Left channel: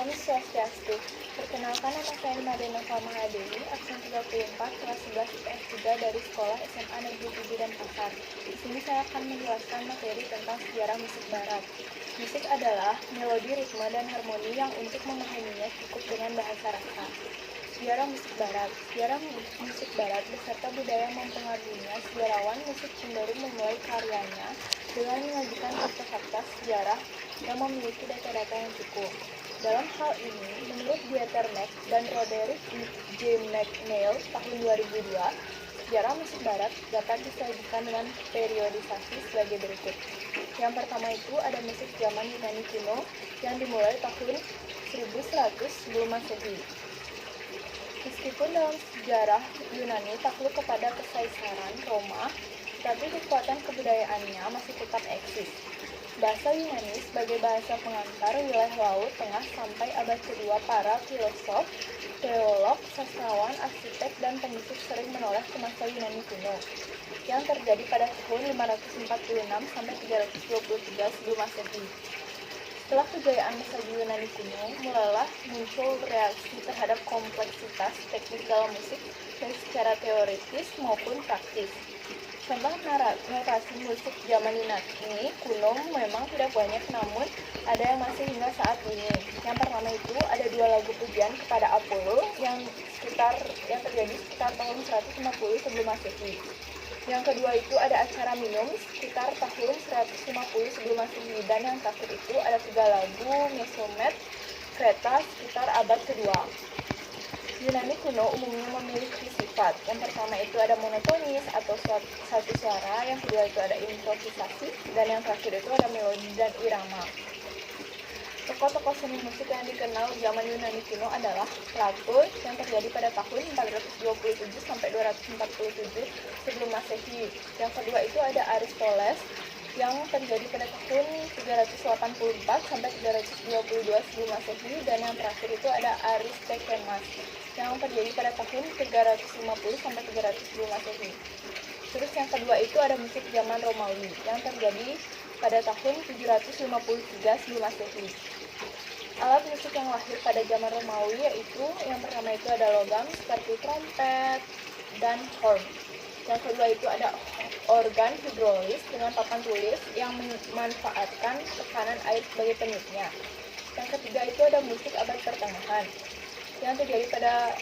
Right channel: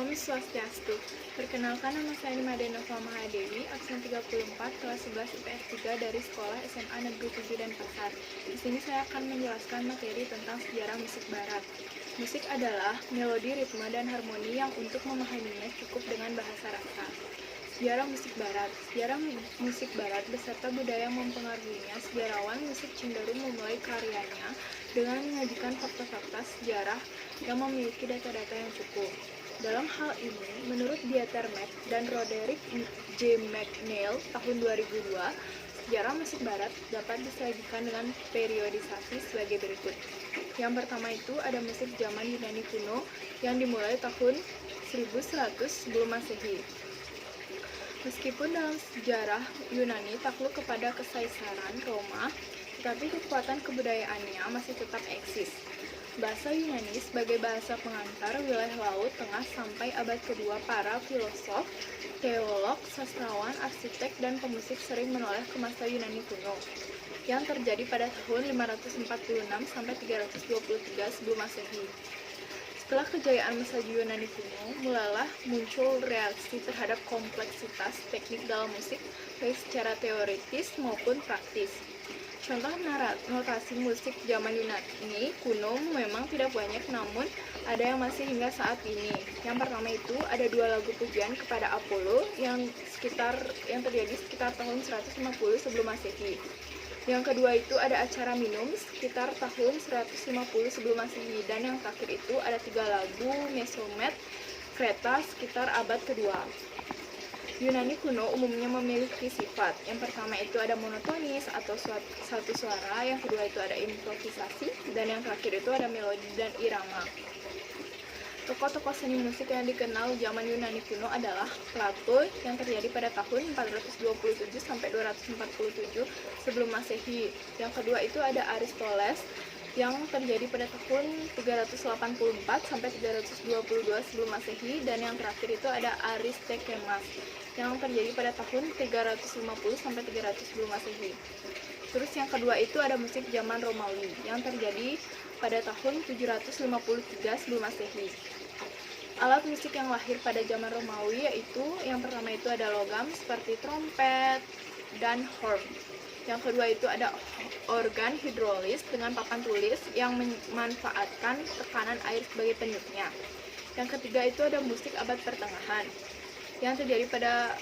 Om Swastiastu. Perkenalkan, nama saya Made Nova Mahadewi, absen 34, kelas 11 IPS 3 dari Sekolah SMA Negeri 7 Denpasar. Di sini saya akan menjelaskan materi tentang sejarah musik barat. Musik adalah melodi, ritme, dan harmoni yang untuk memahaminya cukup dengan bahasa rasa. Sejarah musik barat. Sejarah musik barat beserta budaya yang mempengaruhinya, sejarawan musik cenderung memulai karyanya dengan menyajikan fakta-fakta sejarah yang memiliki data-data yang cukup. Dalam hal ini, menurut Dieterneck dan Roderick J. McNeill tahun 2002, sejarah musik barat dapat disajikan dengan periodisasi sebagai berikut. Yang pertama itu ada musik zaman Yunani kuno yang dimulai tahun 1100 sebelum Masehi. Meskipun dalam sejarah Yunani takluk kepada Kekaisaran Roma, tetapi kekuatan kebudayaannya masih tetap eksis. Bahasa Yunani sebagai bahasa pengantar wilayah Laut Tengah sampai abad kedua, para filosof, teolog, sastrawan, arsitek, dan pemusik sering menoleh ke masa Yunani kuno yang terjadi pada tahun 546 sampai 323 sebelum Masehi. Setelah kejayaan masa Yunani kuno, mulailah muncul reaksi terhadap kompleksitas teknik dalam musik, baik secara teoritis maupun praktis. Contoh notasi musik zaman Yunani kuno memang tidak banyak, namun ada yang masih hingga saat ini. Yang pertama itu ada dua lagu pujian kepada Apollo yang terjadi sekitar tahun 150 sebelum Masehi. Yang kedua itu ada acara minum sekitar tahun 150 sebelum Masehi, dan yang terakhir itu ada tiga lagu Mesomet Kreta sekitar abad kedua. Yunani kuno umumnya memiliki sifat. Yang pertama itu ada monotonis atau satu suara, yang kedua itu ada improvisasi, dan yang terakhir itu ada melodi dan irama. Tokoh-tokoh seni musik yang dikenal zaman Yunani kuno adalah Plato yang terjadi pada tahun 427 sampai 247 sebelum Masehi. Yang kedua itu ada Aristoteles yang terjadi pada tahun 384 sampai 322 sebelum Masehi, dan yang terakhir itu ada Aristophanes yang terjadi pada tahun 350 sampai 300 sebelum Masehi. Terus yang kedua itu ada musik zaman Romawi yang terjadi pada tahun 753 sebelum Masehi. Alat musik yang lahir pada zaman Romawi yaitu yang pertama itu ada logam seperti trompet dan horn. Yang kedua itu ada organ hidrolis dengan papan tulis yang memanfaatkan tekanan air sebagai peniupnya. Yang ketiga itu ada musik abad pertengahan yang terjadi pada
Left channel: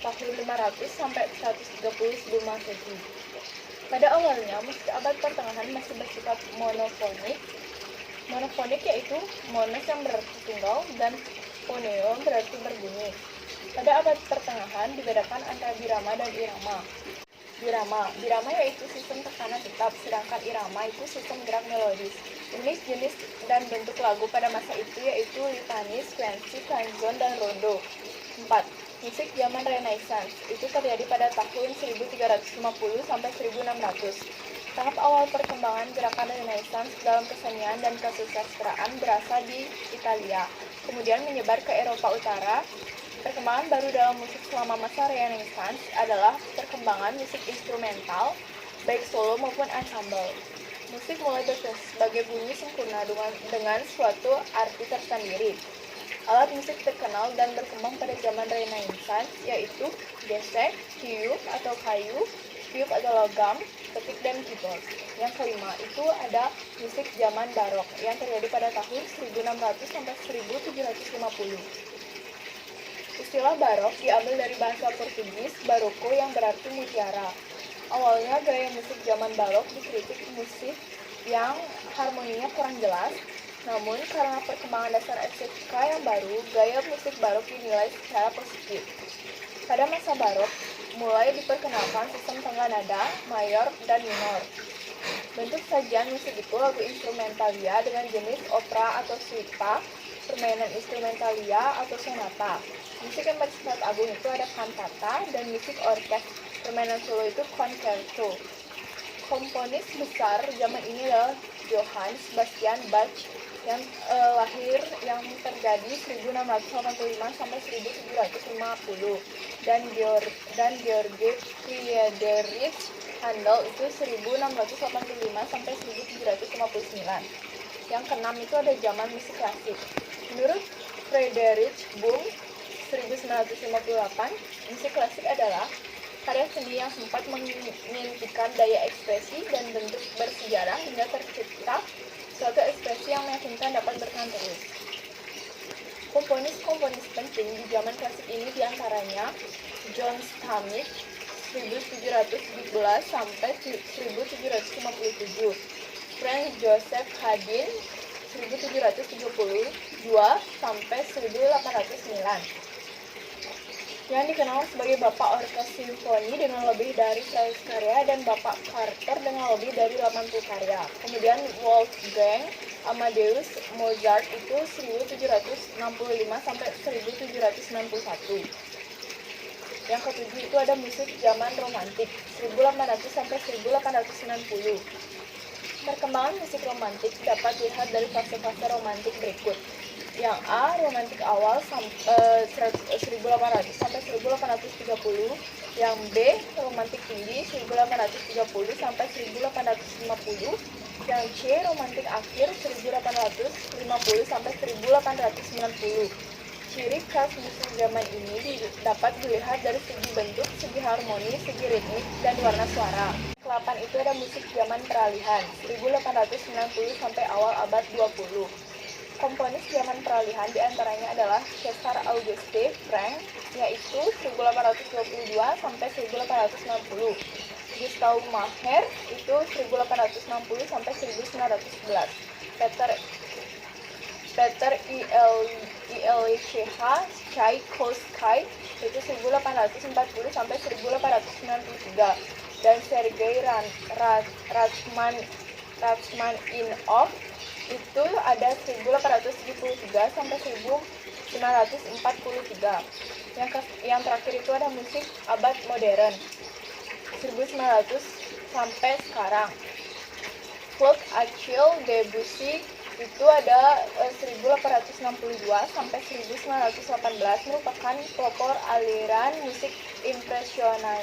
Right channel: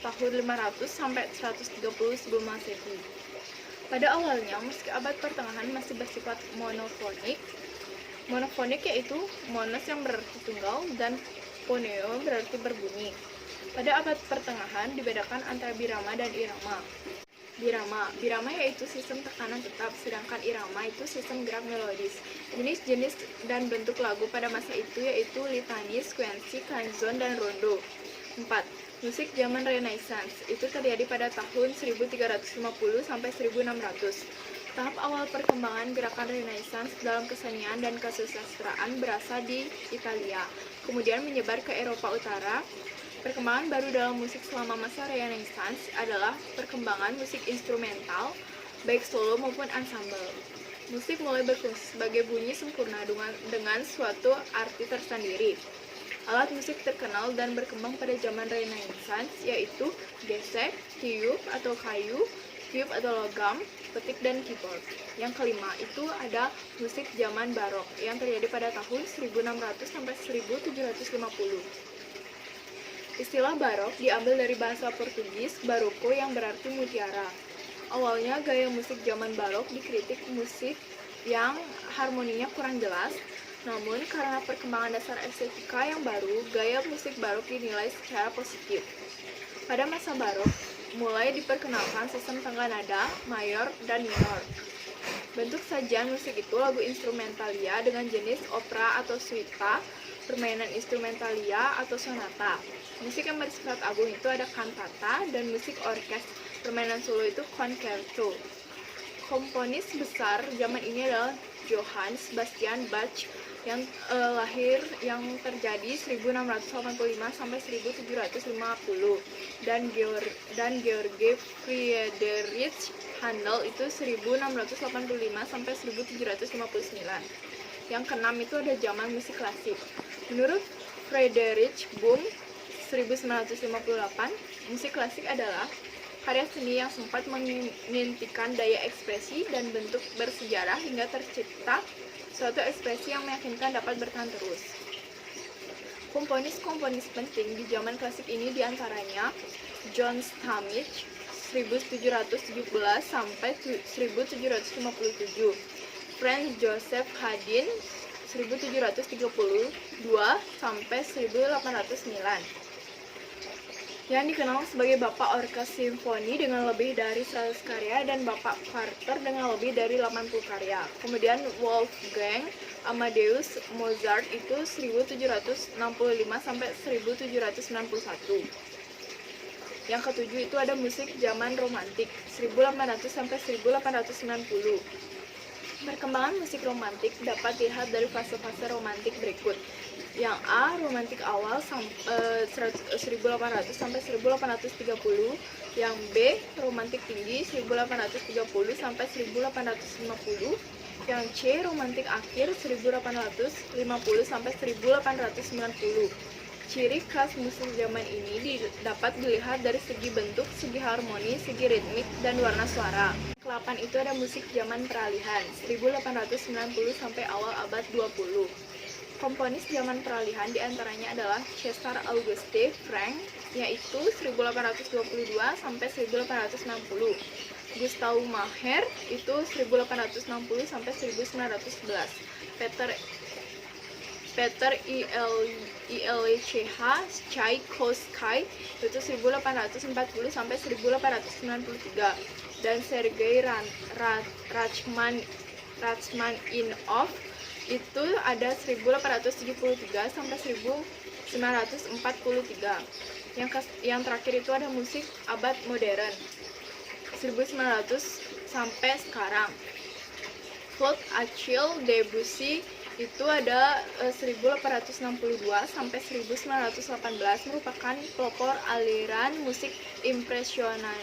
tahun 500 sampai 130 sebelum Masehi. Pada awalnya musik abad pertengahan masih bersifat monofonik. Monofonik yaitu monos yang berarti tunggal dan phoneo berarti berbunyi. Pada abad pertengahan dibedakan antara birama dan irama. Birama yaitu sistem tekanan tetap, sedangkan irama itu sistem gerak melodis. Jenis-jenis dan bentuk lagu pada masa itu yaitu litani, sequensi, canzone, dan rondo. 4. Musik zaman Renaissance itu terjadi pada tahun 1350 sampai 1600. Tahap awal perkembangan gerakan Renaissance dalam kesenian dan kesusastraan berasal di Italia, kemudian menyebar ke Eropa Utara. Perkembangan baru dalam musik selama masa Renaissance adalah perkembangan musik instrumental, baik solo maupun ensemble. Musik mulai berfungsi sebagai bunyi sempurna dengan suatu arti tersendiri. Alat musik terkenal dan berkembang pada zaman Renaissance yaitu gesek, tiup atau kayu, tiup atau logam, petik, dan keyboard. Yang kelima itu ada musik zaman barok yang terjadi pada tahun 1600 sampai 1750. Istilah barok diambil dari bahasa Portugis baroko yang berarti mutiara. Awalnya gaya musik zaman barok dikritik musik yang harmoninya kurang jelas, namun karena perkembangan dasar estetika yang baru, gaya musik barok dinilai secara positif. Pada masa barok, mulai diperkenalkan sistem tangga nada, mayor, dan minor. Bentuk sajian musik itu lagu instrumentalia dengan jenis opera atau suita, permainan instrumentalia atau sonata. Musik yang bersifat agung itu ada cantata, dan musik orkes permainan solo itu concerto. Komponis besar zaman ini adalah Johann Sebastian Bach yang terjadi 1685 sampai 1750, dan Georg Friedrich Handel itu 1685 sampai 1759. Yang keenam itu ada zaman musik klasik. Menurut Friedrich Bohm 1958, musik klasik adalah karya seni yang sempat mengintikan daya ekspresi dan bentuk bersejarah hingga tercipta suatu ekspresi yang meyakinkan dapat bertahan terus. Komponis-komponis penting di zaman klasik ini diantaranya John Stammich 1717 sampai 1757, Franz Joseph Haydn 1732 sampai 1809, yang dikenal sebagai Bapak Orkes Simfoni dengan lebih dari 100 karya, dan Bapak Carter dengan lebih dari 80 karya. Kemudian Wolfgang Amadeus Mozart itu 1765 sampai 1791. Yang ketujuh itu ada musik zaman romantik 1800 sampai 1890. Perkembangan musik romantik dapat dilihat dari fase-fase romantik berikut. Yang A, romantik awal 1800 sampai 1830. Yang B, romantik tinggi 1830 sampai 1850. Yang C, romantik akhir 1850 sampai 1890. Ciri khas musik zaman ini dapat dilihat dari segi bentuk, segi harmoni, segi ritmik, dan warna suara. Ke-8 itu ada musik zaman peralihan 1890 sampai awal abad 20. Komponis zaman peralihan diantaranya adalah César Auguste Franck, yaitu 1822 sampai 1860. Gustav Mahler itu 1860 sampai 1911. Peter Ilyich Tchaikovsky itu 1840 sampai 1893, dan Sergei Rachmaninoff itu ada 1873 sampai 1943. Yang terakhir itu ada musik abad modern 1900 sampai sekarang. Claude Achille Debussy itu ada 1862 sampai 1918, merupakan pelopor aliran musik impresionisme.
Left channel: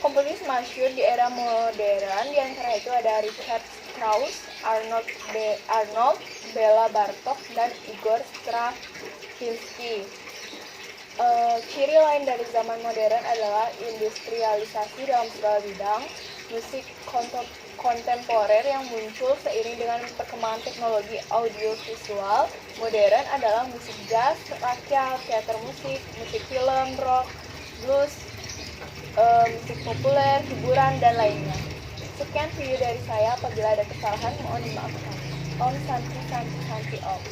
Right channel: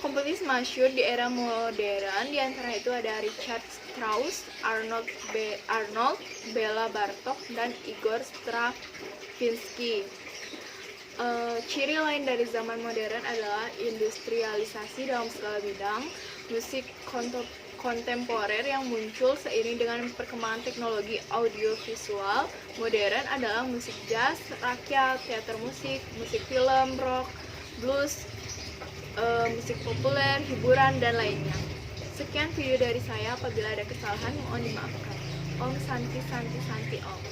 Komponis masyhur di era modern diantara itu ada Richard Strauss, Arnold Bela Bartok, dan Igor Stravinsky. Ciri lain dari zaman modern adalah industrialisasi dalam segala bidang. Musik kontemporer yang muncul seiring dengan perkembangan teknologi audiovisual modern adalah musik jazz, rakyat, teater musik, musik film, rock, blues, musik populer, hiburan, dan lainnya. Sekian video dari saya. Apabila ada kesalahan mohon dimaafkan. Om Santi Santi Santi Om.